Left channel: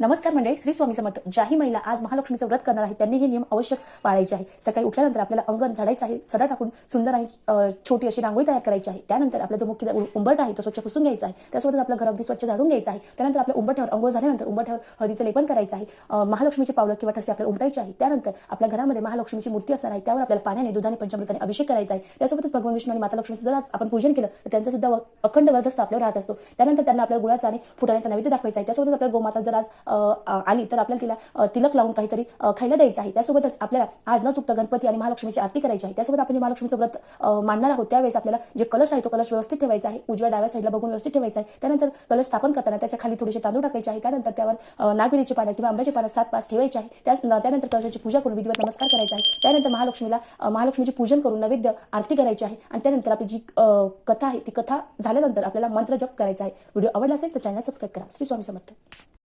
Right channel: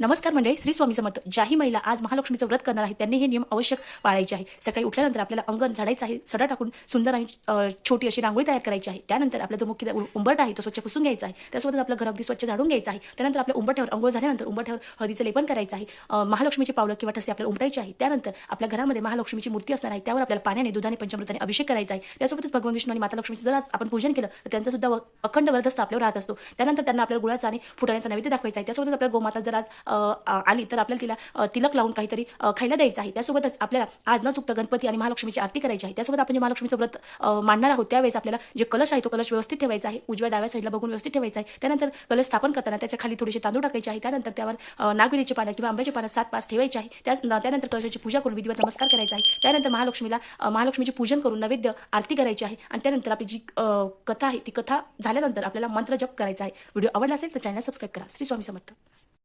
नमस्कार मंडळी, श्री स्वामी समर्थ. ज्याही महिला आज महालक्ष्मीचं व्रत करणार आहे त्यांनी हे नियम अवश्य पाळायचे आहे. सकाळी उठल्यानंतर आपल्याला अंगण झाडायचं आहे, सडा टाकून सुंदर आणि छोटी अशी रांगोळी तयार करायची आहे. त्यानंतर आपला जो मुख्य उंबरठा आहे तो स्वच्छ पुसून घ्यायचा आहे. त्यासोबत आपलं घर अगदी स्वच्छ झाडून घ्यायचं आहे. त्यानंतर आपल्या उंबरठ्यावर अंघोळ झाल्यानंतर उंबरठ्यावर हळदीचं लेपन करायचं आहे. महालक्ष्मीचे पावलं किंवा ठसे आपल्याला उमटायचे आहे. त्यानंतर आपल्या घरामध्ये महालक्ष्मीची मूर्ती असणार आहे, त्यावर आपल्याला पाण्याने, दुधाने, पंचामृताने अभिषेक करायचा आहे. त्यासोबतच भगवान विष्णू आणि माता लक्ष्मीचं जर आपण पूजन केलं तर त्यांचा सुद्धा अखंड वरदहस्त आपल्यावर राहत असतो. त्यानंतर त्यांना आपल्याला गुळाचा आणि फुटाण्याचा नैवेद्य दाखवायचा आहे. त्यासोबतच आपल्याला गोमाता जर आज आली तर आपल्याला तिला तिलक लावून काहीतरी खायला द्यायचं आहे. त्यासोबतच आपल्याला आज न चुकता गणपती आणि महालक्ष्मीची आरती करायची आहे. त्यासोबत आपण जे महालक्ष्मीचं व्रत मांडणार आहोत त्यावेळेस आपल्याला जे कलश आहे तो कलश व्यवस्थित ठेवायचा आहे, उजव्या डाव्या साईडला बघून व्यवस्थित ठेवायचा आहे. त्यानंतर कलश स्थापन करताना त्याच्या खाली थोडेसे तांदूळ टाकायचे आहे. त्यानंतर त्यावर नागवेलीची पानं किंवा आंब्याची पानं 7-5 ठेवायची आहे. त्यानंतर कलशाची पूजा करून विधिवत नमस्कार करायचा आहे. त्यानंतर महालक्ष्मीची पूजन करून नैवेद्य आरती करायची आहे. आणि त्यानंतर आपली जी कथा आहे ती कथा झाल्यानंतर आपल्याला मंत्र जप करायचा आहे. व्हिडिओ आवडला असेल तर चॅनल सबस्क्राईब करा. श्री स्वामी समर्थ.